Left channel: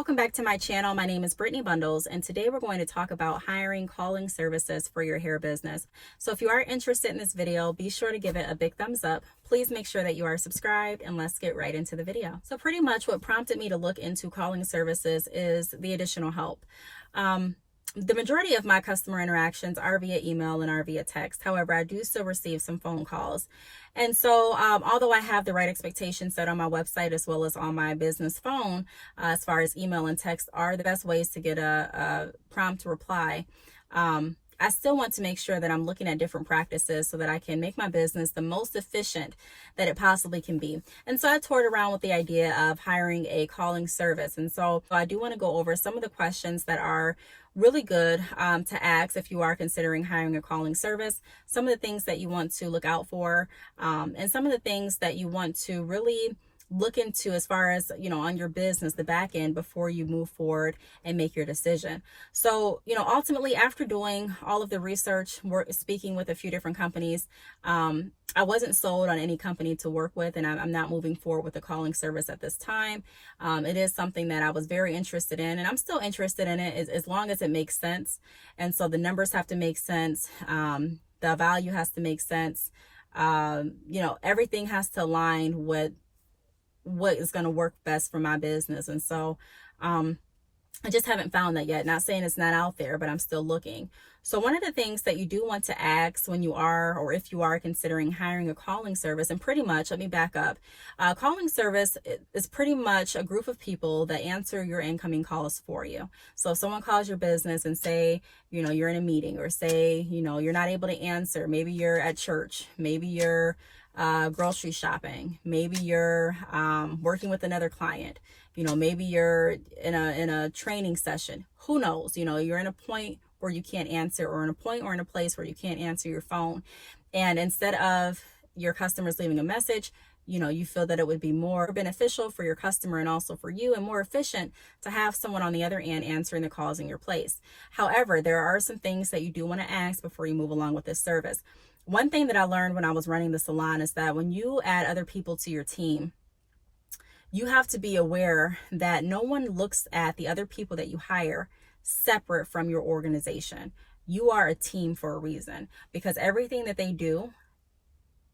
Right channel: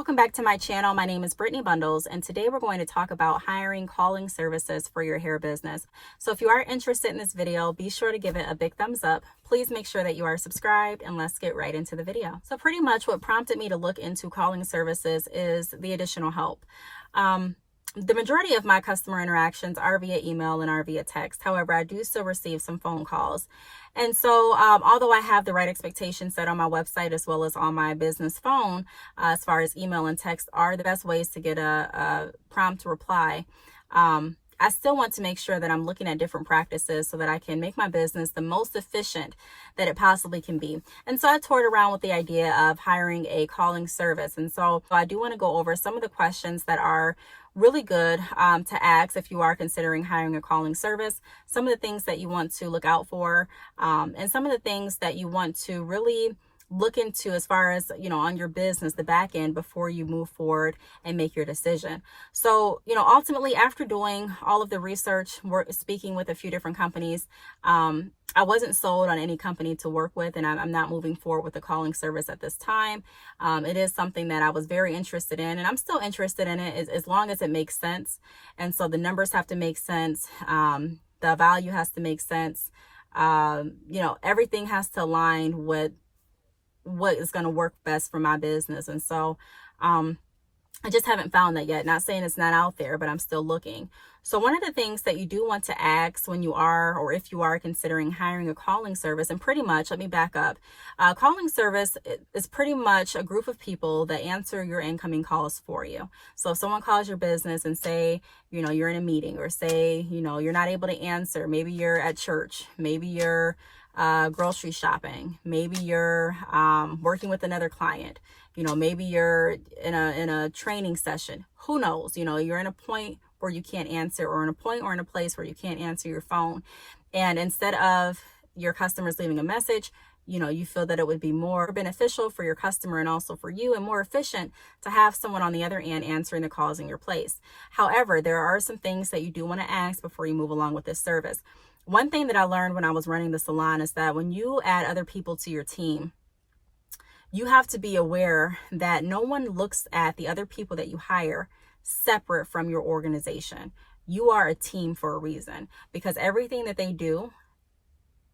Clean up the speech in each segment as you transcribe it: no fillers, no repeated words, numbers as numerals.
welcome back to my channel. My name is Brittany Bundles, and today we're going to talk about hiring calling services for your hair business. So if you are interested in this video, be sure to give it a big thumbs up. Please make sure that you are subscribed, and let's get right into the video. So pretty much what prompted me to look into calling services is the additional help. The majority of my customer interactions are via email and are via text. However, I do still receive some phone calls. And so although I have the right expectations set on my website as well as on my business phone, as far as email and text are the best ways to get a prompt reply, I still want to make sure that I'm looking at different practices so that I can make my business the most efficient that it possibly can be. And so I toured around with the idea of hiring a calling service. And so I do want to go over some of the questions that are really good to ask if you are considering hiring a calling service, some of the things that you want to look out for, and some of the things that you want to really look into as far as, on your business, the back end, before you move forward and make your decision. So, ultimately, after doing all of the research, speaking with a few different companies, I wasn't sold on any company to work with, and I'm not moving forward with the calling service at this time. It is something that I was very interested in, and I'm still interested in it as long as it makes sense. And so the numbers have to make sense. The value has to make sense. Everything has to align with what is going to work best for my business. And so I just haven't found that yet. Not saying it's not out there, but I'm still looking. So one of the things that you do want to ask when you are, or if you are considering hiring a calling service, and pretty much, let me back up. Calling service is pretty much a group of people that answer your incoming calls for you. So if someone calls your business and say, you're in a meeting, or say, you're not able to answer, maybe you're at church, maybe you're grocery shopping, maybe you're working with another client, maybe you're in a training session, who knows, you're in a point where you can't answer, or in a point or in a place where you can't answer your phone. And instead of your customers leaving a message, you feel that it would be more beneficial for your customer and also for you, and more efficient to have someone on the other end answering the calls in your place. However, there are some things that you do want to ask before you move along with this service. One thing that I learned when I was running the salon is that when you add other people to your team, you have to be aware that no one looks at the other people that you hire separate from your organization. You are a team for a reason, because everything that they do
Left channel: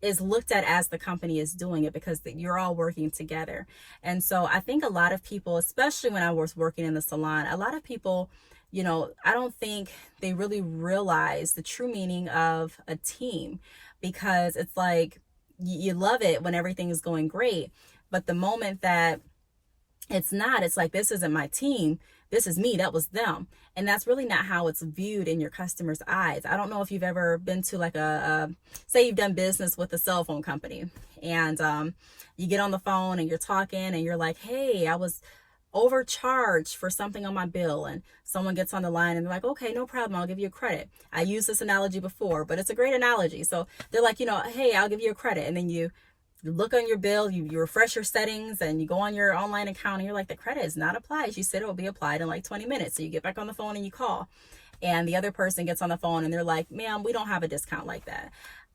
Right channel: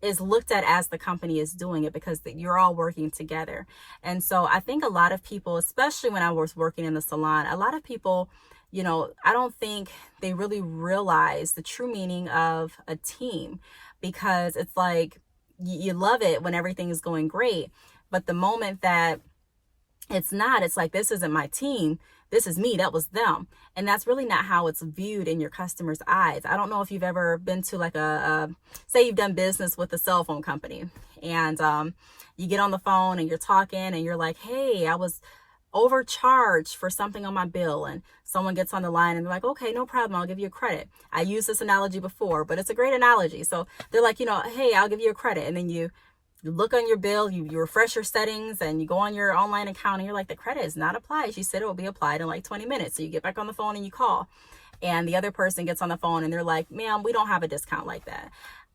is looked at as the company is doing it, because you're all working together. And so I think a lot of people, especially when I was working in the salon, a lot of people, I don't think they really realize the true meaning of a team, because it's like you love it when everything is going great. But the moment that it's not, it's like, this isn't my team. This is me. That was them. And that's really not how it's viewed in your customers' eyes. I don't know if you've ever been to like say you've done business with a cell phone company, and you get on the phone and you're talking and you're like, hey, I was overcharged for something on my bill, and someone gets on the line and they're like, okay, no problem, I'll give you a credit. I used this analogy before, but it's a great analogy. So they're like, hey, I'll give you a credit. And then you look on your bill, you refresh your settings, and you go on your online account, and you're like, the credit is not applied. She said it will be applied in like 20 minutes. So you get back on the phone and you call, and the other person gets on the phone and they're like, ma'am, we don't have a discount like that.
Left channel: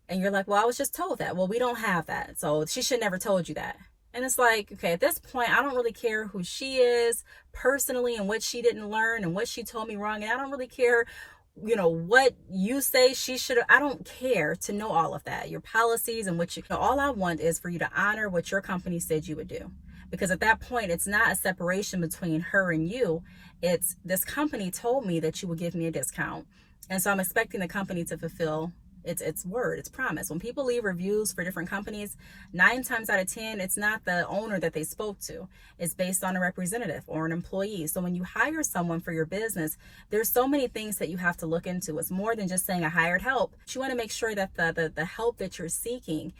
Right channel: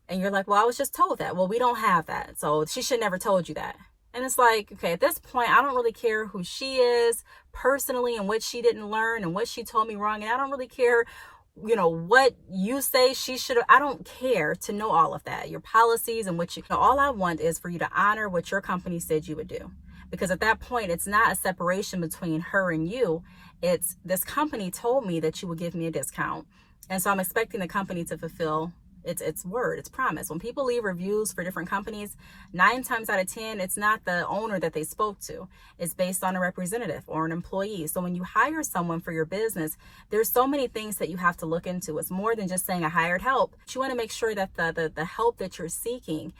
And you're like, well, I was just told that. Well, we don't have that. So she should never told you that. And it's like, okay, at this point, I don't really care who she is personally and what she didn't learn and what she told me wrong. And I don't really care, what you say she should have. I don't care to know all of that, your policies and what all I want is for you to honor what your company said you would do. Because at that point, it's not a separation between her and you. It's, this company told me that you would give me a discount. And so I'm expecting the company to fulfill its word, its promise. When people leave reviews for different companies, 9 times out of 10, it's not the owner that they spoke to. It's based on a representative or an employee. So when you hire someone for your business, there's so many things that you have to look into. It's more than just saying I hired help. You want to make sure that the help that you're seeking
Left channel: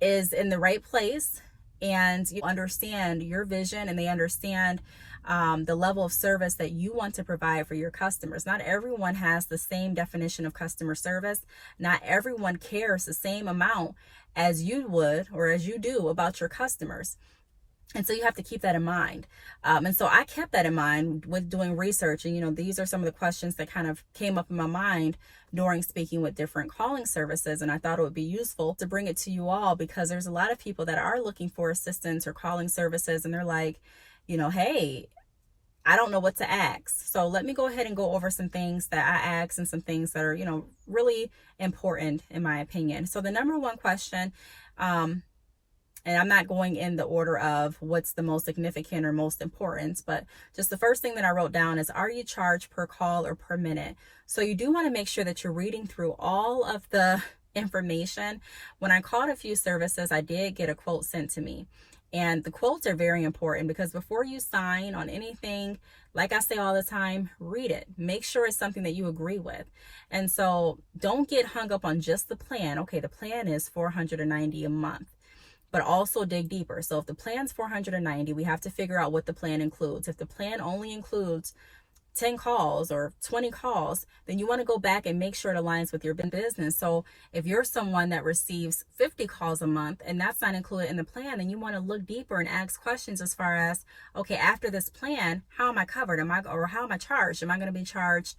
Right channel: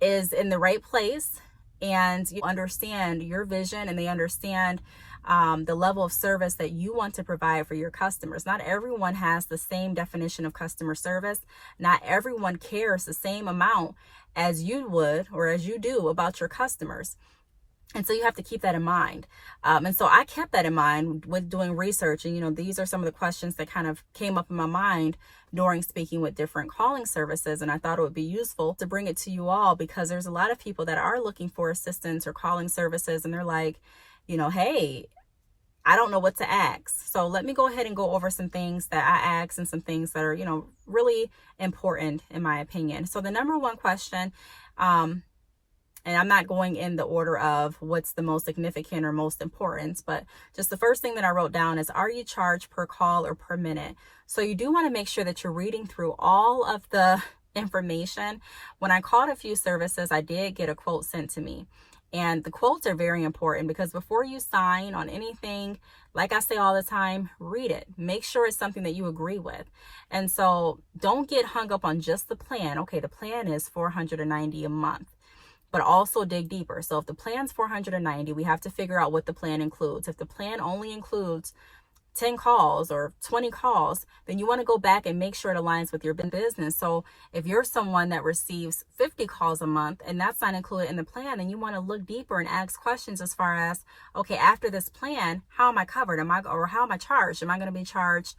is in the right place, and you understand your vision, and they understand the level of service that you want to provide for your customers. Not everyone has the same definition of customer service. Not everyone cares the same amount as you would, or as you do, about your customers. And so you have to keep that in mind. And so I kept that in mind with doing research. And, these are some of the questions that kind of came up in my mind during speaking with different calling services. And I thought it would be useful to bring it to you all, because there's a lot of people that are looking for assistance or calling services, and they're like, hey, I don't know what to ask. So let me go ahead and go over some things that I ask and some things that are, really important in my opinion. So the number one question, and I'm not going in the order of what's the most significant or most important, but just the first thing that I wrote down is, are you charged per call or per minute? So you do want to make sure that you're reading through all of the information. When I called a few services, I did get a quote sent to me. And the quotes are very important because before you sign on anything, like I say all the time, read it. Make sure it's something that you agree with. And so don't get hung up on just the plan. Okay, the plan is $490 a month, but also dig deeper. So if the plan's $490, we have to figure out what the plan includes. If the plan only includes 10 calls or 20 calls, then you want to go back and make sure it aligns with your business. So if you're someone that receives 50 calls a month and that's not included in the plan, then you want to look deeper and ask questions as far as, okay, after this plan, how am I covered? How am I charged? Am I going to be charged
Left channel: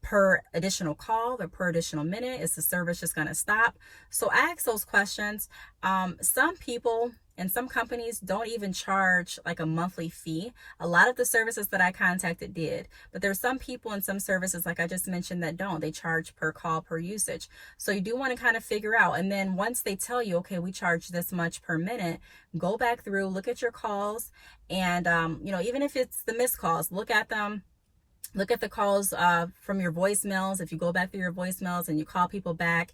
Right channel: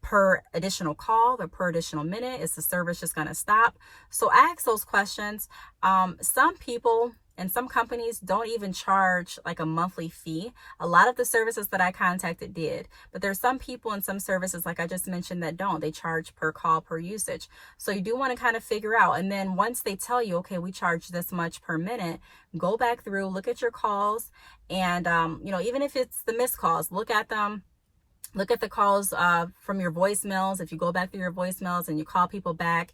per additional call or per additional minute? Is the service just going to stop? So ask those questions. Some people and some companies don't even charge like a monthly fee. A lot of the services that I contacted did, but there's some people and some services, like I just mentioned, that don't. They charge per call, per usage. So you do want to kind of figure out. And then once they tell you, okay, we charge this much per minute, go back through, look at your calls. And, even if it's the missed calls, look at them. Look at the calls from your voicemails. If you go back through your voicemails and you call people back,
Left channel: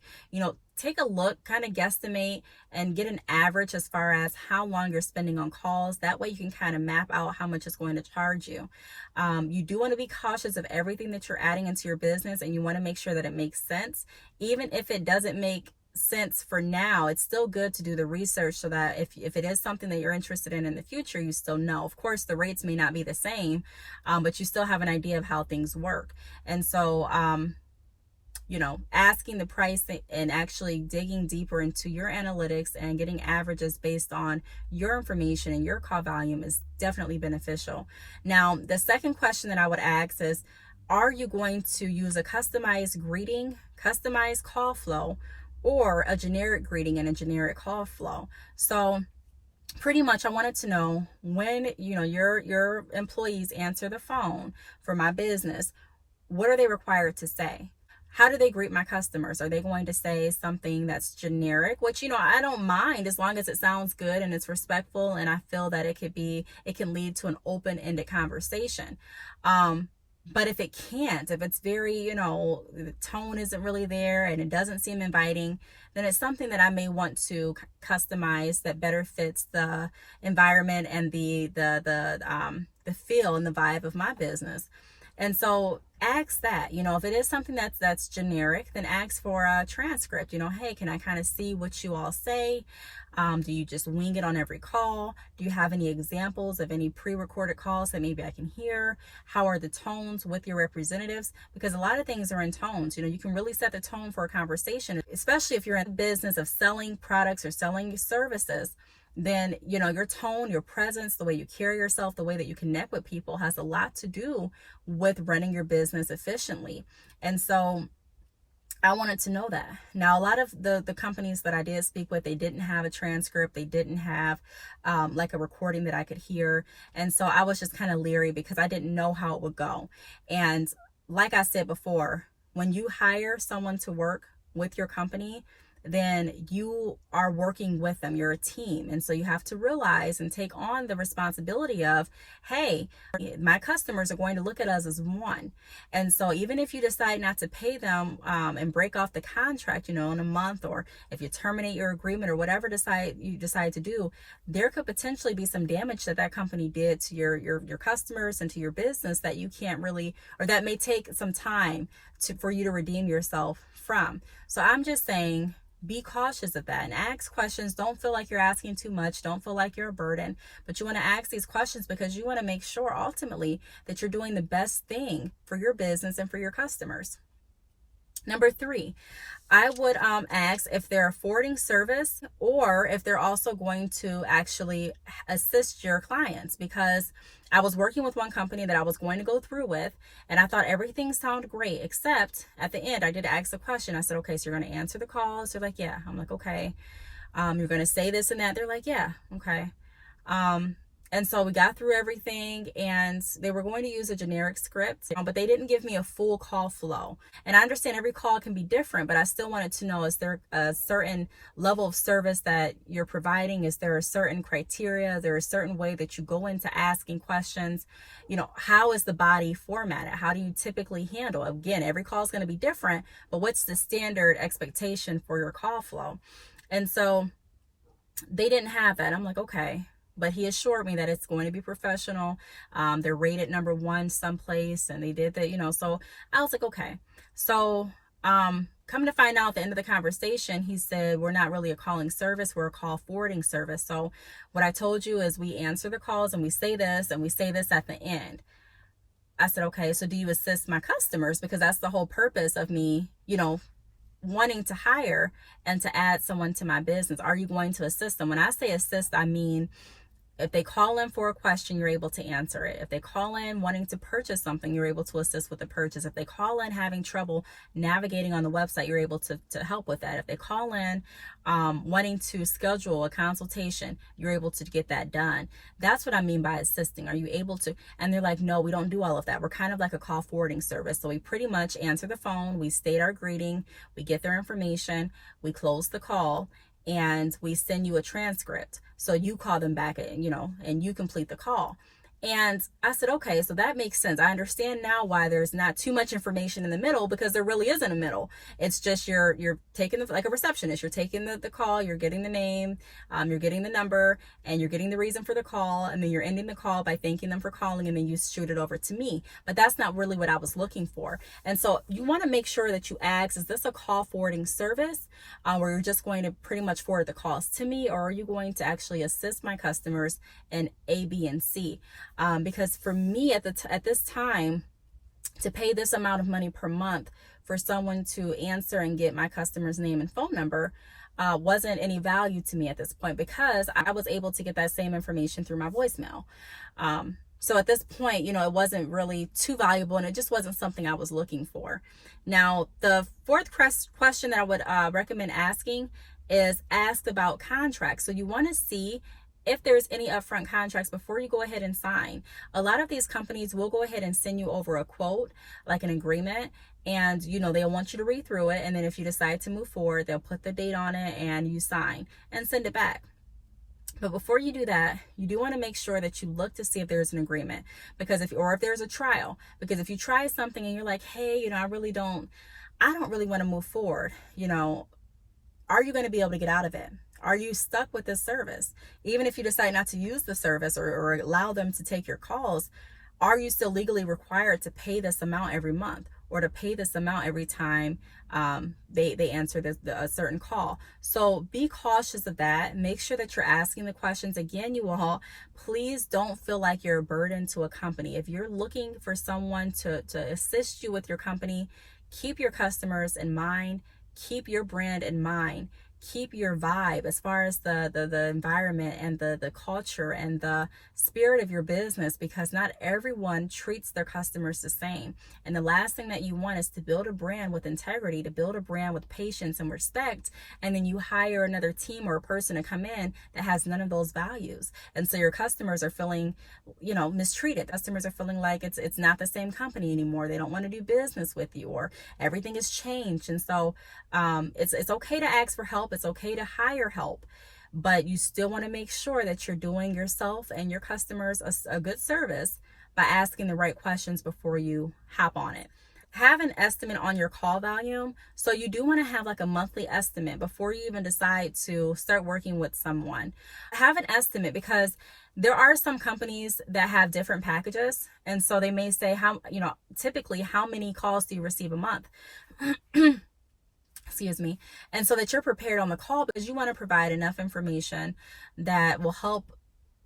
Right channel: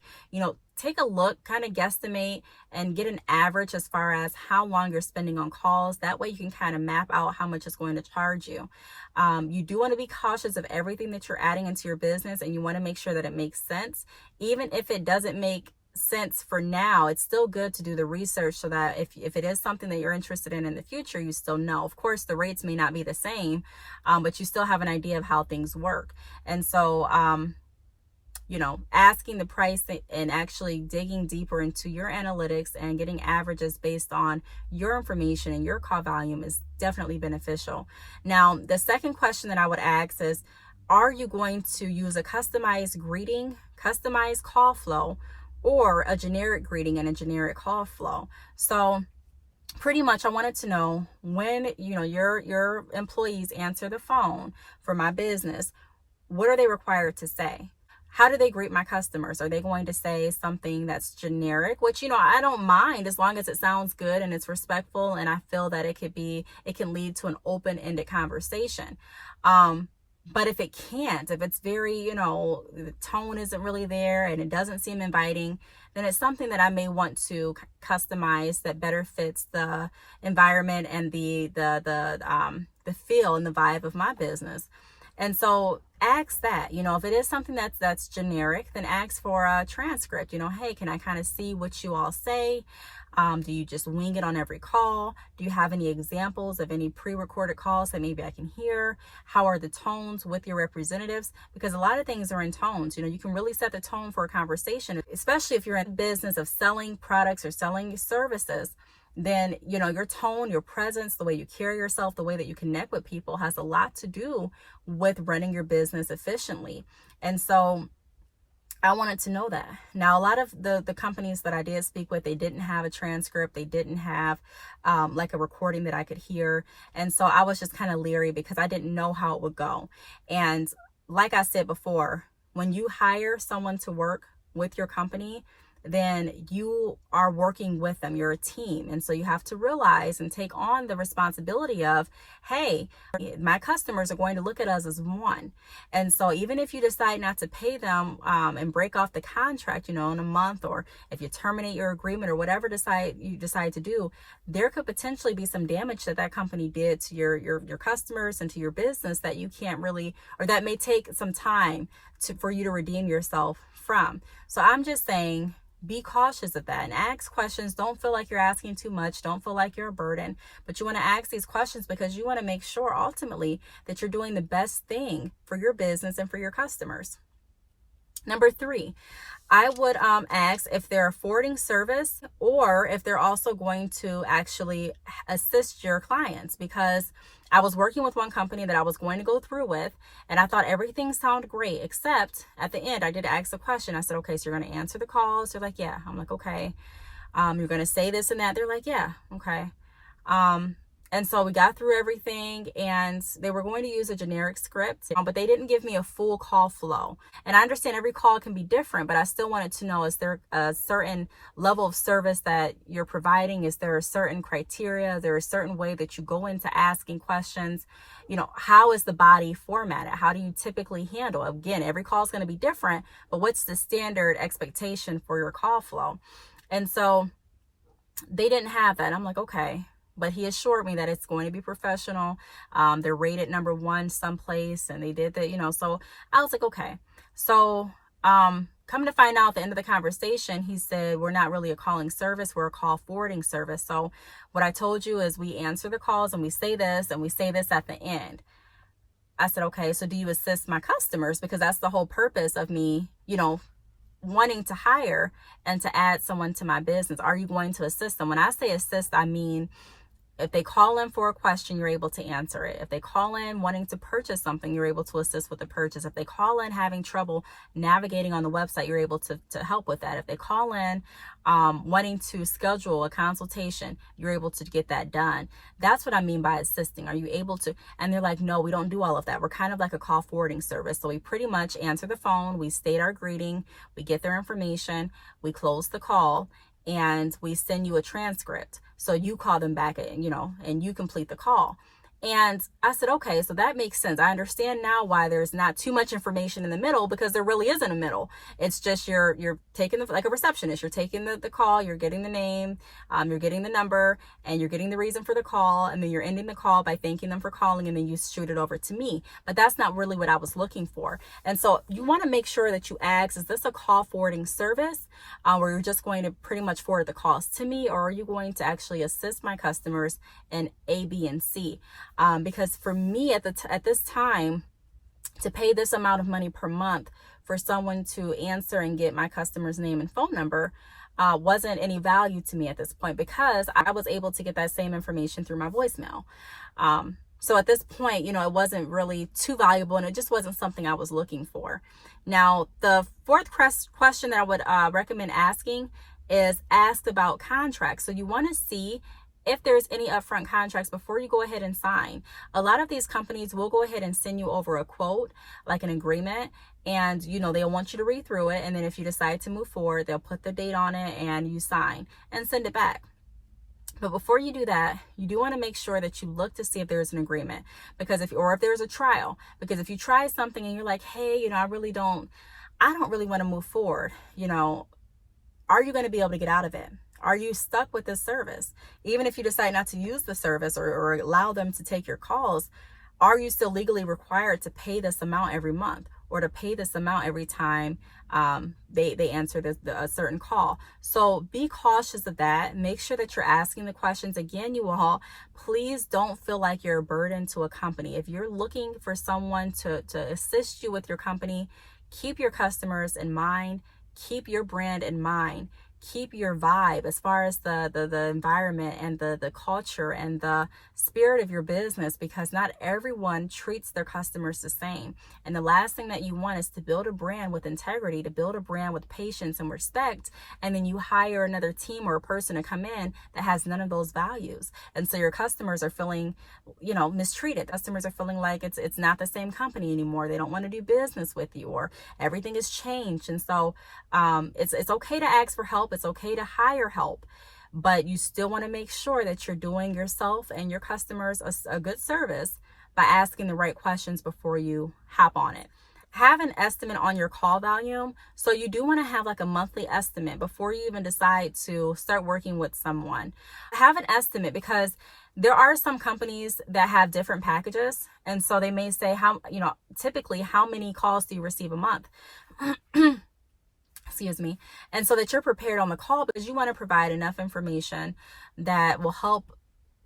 take a look, kind of guesstimate and get an average as far as how long you're spending on calls. That way you can kind of map out how much it's going to charge you. You do want to be cautious of everything that you're adding into your business, and you want to make sure that it makes sense. Even if it doesn't make sense for now, it's still good to do the research so that if it is something that you're interested in the future, you still know. Of course, the rates may not be the same, but you still have an idea of how things work. And so, asking the price and actually digging deeper into your analytics and getting averages based on your information and your call volume is definitely beneficial. Now, the second question that I would ask is, are you going to use a customized greeting, customized call flow, or a generic greeting and a generic call flow? So pretty much I wanted to know, when your employees answer the phone for my business, what are they required to say? How do they greet my customers? Are they going to say something that's generic, which I don't mind as long as it sounds good and it's respectful, and I feel that it can lead to an open-ended conversation. But if it can't, if it's very, the tone isn't really there and it doesn't seem inviting, then it's something that I may want to customize that better fits the environment and the feel and the vibe of my business. And so ask that, if it is something that's generic, then ask for a transcript. Hey, can I kind of see what you all say? Do you just wing it on every call? Do you have any examples of any pre-recorded calls that maybe I can hear? How are the tones with your representatives? Because a lot of things are in tones. You can really set the tone for a conversation, especially if you're in the business of selling products or selling services. Then, your tone, your presence, the way you carry yourself, the way that you connect with people has a lot to do with running your business efficiently. And so I wanted to know that. Now, a lot of the companies that I did speak with, they didn't have a transcript. They didn't have like a recording that I could hear. And so I was just kind of leery because I didn't know how it would go. And like I said before, when you hire someone to work with your company, then you are working with them. You're a team. And so you have to realize and take on the responsibility of, hey, my customers are going to look at us as one. And so even if you decide not to pay them and break off the contract, in a month, or if you terminate your agreement or whatever you decide to do, there could potentially be some damage that company did to your customers and to your business that you can't really, or that may take some time for you to redeem yourself from. So I'm just saying, be cautious of that and ask questions. Don't feel like you're asking too much. Don't feel like you're a burden, but you want to ask these questions because you want to make sure ultimately that you're doing the best thing for your business and for your customers. Number 3, I would ask if they're affording service or if they're also going to actually assist your clients, because I was working with one company that I was going to go through with, and I thought everything sounded great, except at the end, I did ask a question. I said, okay, so you're going to answer the calls? They're like, yeah. I'm like, okay. You're going to say this and that? They're like, yeah. Okay. And so we got through everything, and they were going to use a generic script, but they didn't give me a full call flow. And I understand every call can be different, but I still wanted to know, is there a certain level of service that you're providing? Is there a certain criteria? Is there a certain way that you go into asking questions? You know, how is the body formatted? How do you typically handle? Again, every call is going to be different, but what's the standard expectation for your call flow? And so they didn't have that. I'm like, okay. But he assured me that it's going to be professional. They're rated #1 someplace, and they did that, you know. So I was like, okay. So come to find out, at the end of the conversation, he said, we're not really a calling service, we're a call forwarding service. So what I told you is we answer the calls and we say this at the end. I said, okay, so do you assist my customers? Because that's the whole purpose of me, you know, wanting to hire and to add someone to my business. Are you going to assist them? When I say assist, I mean, if they call in for a question, you're able to answer it. If they call in wanting to purchase something, you're able to assist with the purchase. If they call in having trouble navigating on the website, you're able to help with that. If they call in wanting to schedule a consultation, you're able to get that done. That's what I mean by assisting. Are you able to? And they're like, no, we don't do all of that. We're kind of like a call forwarding service. So we pretty much answer the phone, we state our greeting, we get their information, we close the call, and we send you a transcript. So you call them back and, you know, and you complete the call. And I said, okay, so that makes sense. I understand now why there's not too much information in the middle, because there really isn't a middle. It's just you're taking like a receptionist, you're taking the call, you're getting the name, you're getting the number, and you're getting the reason for the call, and then you're ending the call by thanking them for calling, and then you shoot it over to me. But that's not really what I was looking for. And so you want to make sure that you ask, is this a call forwarding service where you're just going to pretty much forward the calls to me, or are you going to actually assist my customers in A, B, and C? Because for me at this time, to pay this amount of money per month for someone to answer and get my customer's name and phone number wasn't any value to me at this point, because I was able to get that same information through my voicemail. So at this point, you know, it wasn't really too valuable, and it just wasn't something I was looking for. Now, the fourth question that I would recommend asking is ask about contracts. So you want to see if there's any upfront contracts before you go ahead and sign. A lot of these companies will go ahead and send you over a quote, like an agreement, and you know, they'll want you to read through it, and then if you decide to move forward, they'll put the date on it and you sign and send it back. But before you do that, you do want to make sure that you look to see if there's an agreement, because if there's a trial, because if you try something and you're like, hey, you know, I don't really want to move forward, you know, are you going to be able to get out of it? Are you stuck with this service? Even if you decide not to use the service or allow them to take your calls, are you still legally required to pay this amount every month, or to pay this amount every time they answer a certain call? So be cautious of that. Make sure that you're asking the questions. Again, you all, please don't feel like you're a burden to a company. If you're looking for someone to assist you with your company, keep your customers in mind, keep your brand in mind. Keep your vibe as far as the environment and the culture and the spirit of your business, because not everyone treats their customers the same. And the last thing that you want is to build a brand with integrity, to build a brand with patience and respect, and then you hire another team or a person to come in that has none of those values. And so your customers are feeling, you know, mistreated. Customers are feeling like it's not the same company anymore. They don't want to do business with you, or everything has changed. And so it's okay to ask for help. It's okay to hire help, but you still want to make sure that you're doing yourself and your customers a good service by asking the right questions before you hop on it. Have an estimate on your call volume. So you do want to have like a monthly estimate before you even decide to start working with someone. Have an estimate, because there are some companies that have different packages. And so they may say, typically how many calls do you receive a month? Excuse me. And so that you're prepared on the call, because you want to provide enough information that will help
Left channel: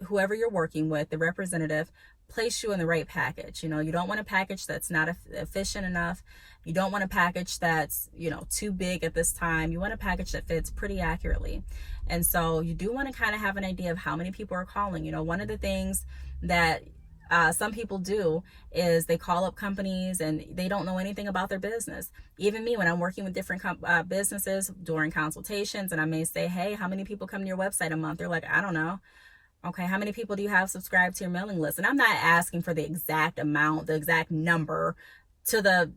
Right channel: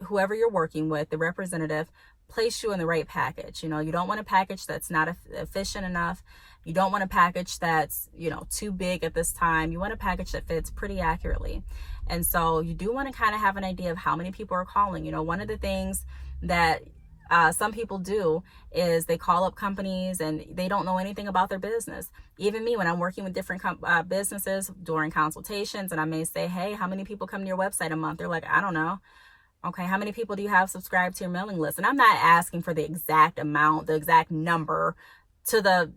whoever you're working with, the representative, place you in the right package. You know, you don't want a package that's not efficient enough. You don't want a package that's, you know, too big at this time. You want a package that fits pretty accurately. And so you do want to kind of have an idea of how many people are calling. You know, one of the things that some people do is they call up companies and they don't know anything about their business. Even me, when I'm working with different businesses during consultations, and I may say, hey, how many people come to your website a month? They're like, I don't know. Okay, how many people do you have subscribed to your mailing list? And I'm not asking for the exact amount, the exact number to the,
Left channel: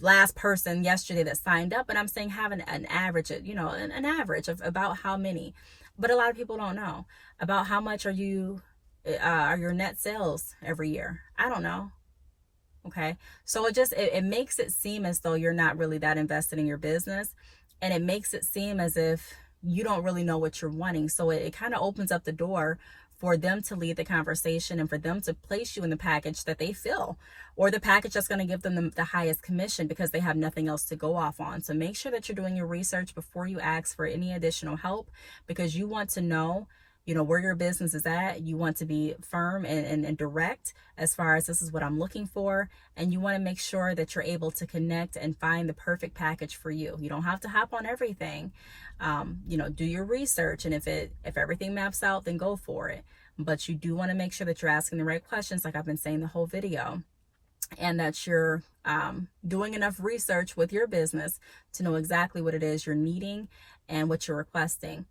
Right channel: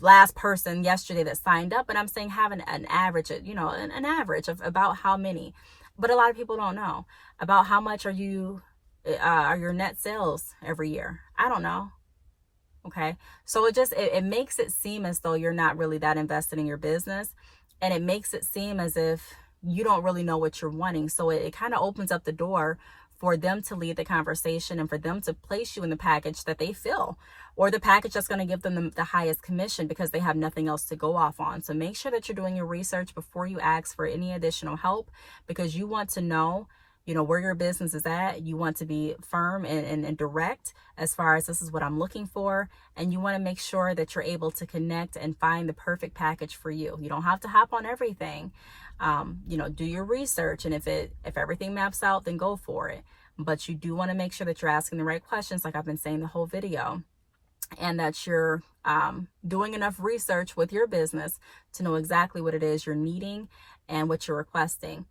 last person yesterday that signed up, but I'm saying have an average, an average of about how many. But a lot of people don't know about how much are your net sales every year. I don't know. Okay. So it makes it seem as though you're not really that invested in your business. And it makes it seem as if you don't really know what you're wanting. So it kind of opens up the door for them to lead the conversation and for them to place you in the package that they fill, or the package that's going to give them the highest commission because they have nothing else to go off on. So make sure that you're doing your research before you ask for any additional help, because you want to know, where your business is at. You want to be firm and direct as far as this is what I'm looking for. And you want to make sure that you're able to connect and find the perfect package for you. You don't have to hop on everything. Do your research. And if everything maps out, then go for it. But you do want to make sure that you're asking the right questions, like I've been saying the whole video, and that you're doing enough research with your business to know exactly what it is you're needing and what you're requesting.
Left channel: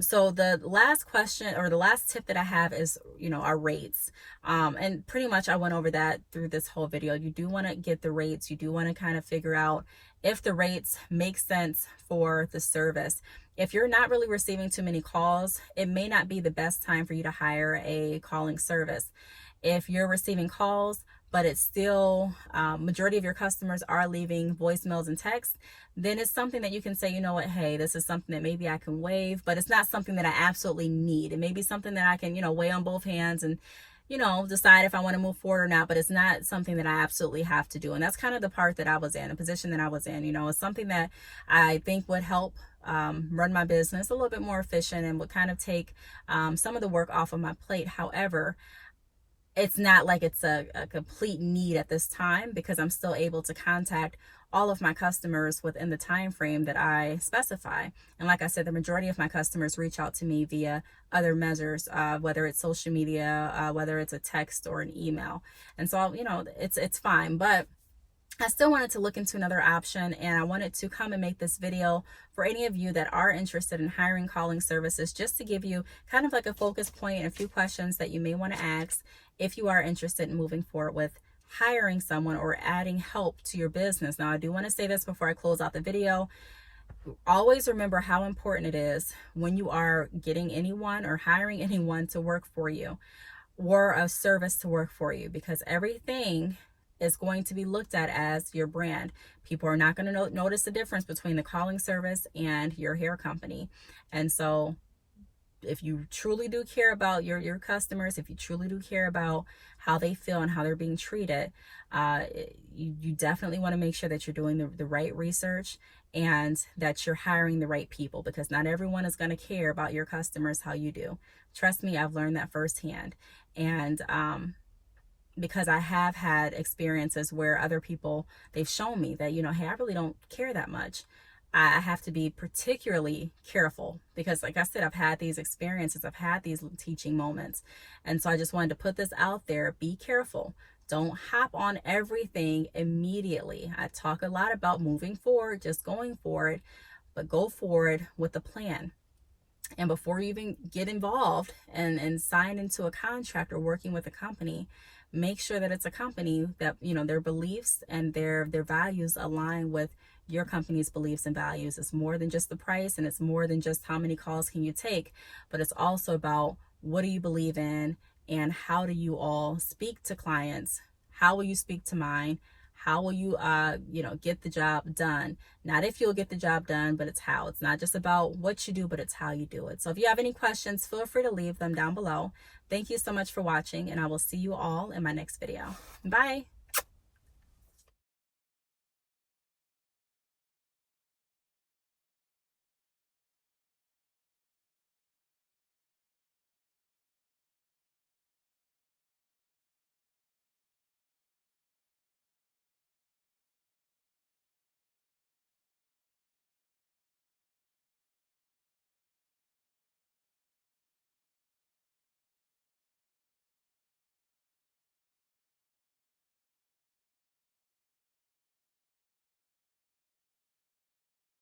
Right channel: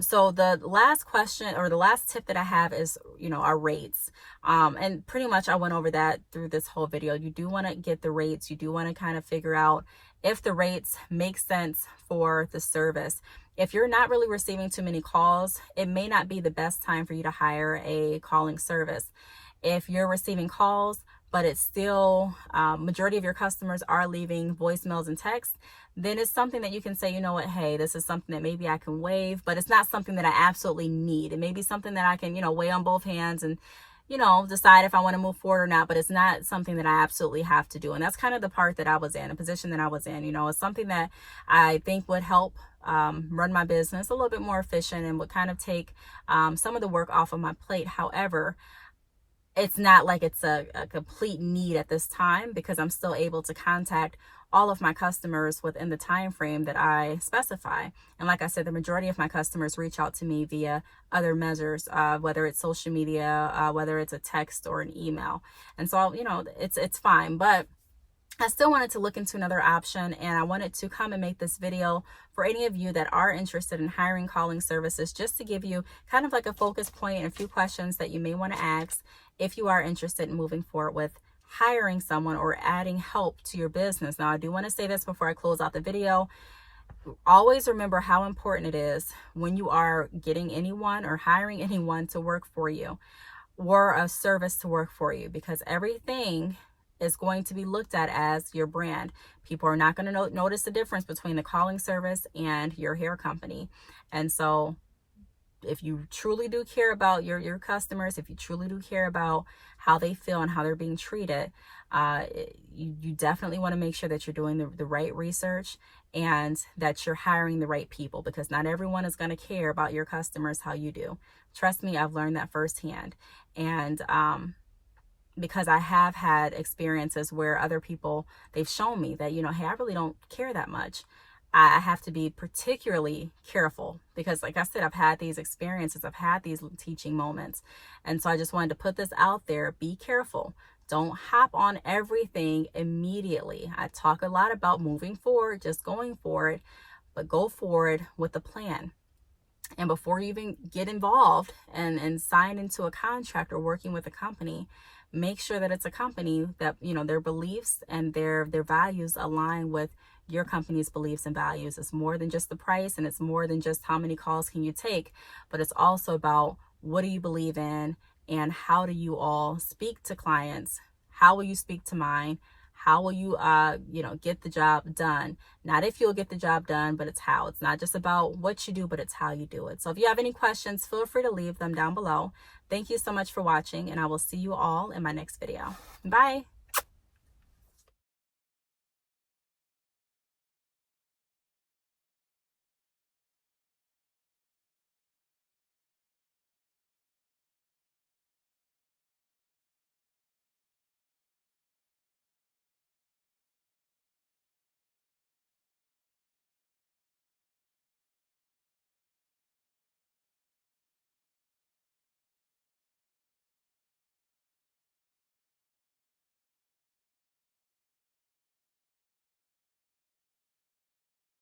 So the last question, or the last tip that I have is, our rates. And pretty much I went over that through this whole video. You do want to get the rates. You do want to kind of figure out if the rates make sense for the service. If you're not really receiving too many calls, it may not be the best time for you to hire a calling service. If you're receiving calls, but it's still, majority of your customers are leaving voicemails and texts, then it's something that you can say, you know what, hey, this is something that maybe I can waive, but it's not something that I absolutely need. It may be something that I can, weigh on both hands and, decide if I want to move forward or not, but it's not something that I absolutely have to do. And that's kind of the part that I was in, the position that I was in. It's something that I think would help run my business a little bit more efficient and would kind of take some of the work off of my plate. However, it's not like it's a complete need at this time, because I'm still able to contact all of my customers within the time frame that I specify. And like I said, the majority of my customers reach out to me via other measures, whether it's social media, whether it's a text or an email. And so, it's fine. But I still wanted to look into another option, and I wanted to come and make this video for any of you that are interested in hiring calling services, just to give you kind of like a focus point and a few questions that you may want to ask if you are interested in moving forward with hiring someone or adding help to your business. Now, I do want to say this before I close out the video. Always remember how important it is when you are getting anyone or hiring anyone to work for you, or a service to work for you, because everything is going to be looked at as your brand. People are not going to notice the difference between the calling service and your hair company. And so if you truly do care about your customers, if you truly do care about how they feel and how they're being treated, you definitely want to make sure that you're doing the right research and that you're hiring the right people, because not everyone is going to care about your customers how you do. Trust me, I've learned that firsthand. And because I have had experiences where other people, they've shown me that, hey, I really don't care that much. I have to be particularly careful because, like I said, I've had these experiences, I've had these teaching moments. And so I just wanted to put this out there. Be careful. Don't hop on everything immediately. I talk a lot about moving forward, just going forward, but go forward with a plan. And before you even get involved and sign into a contract or working with a company, make sure that it's a company that, their beliefs and their values align with your company's beliefs and values. It's more than just the price, and it's more than just how many calls can you take, but it's also about what do you believe in and how do you all speak to clients? How will you speak to mine? How will you, get the job done? Not if you'll get the job done, but it's how. It's not just about what you do, but it's how you do it. So if you have any questions, feel free to leave them down below. Thank you so much for watching, and I will see you all in my next video. Bye.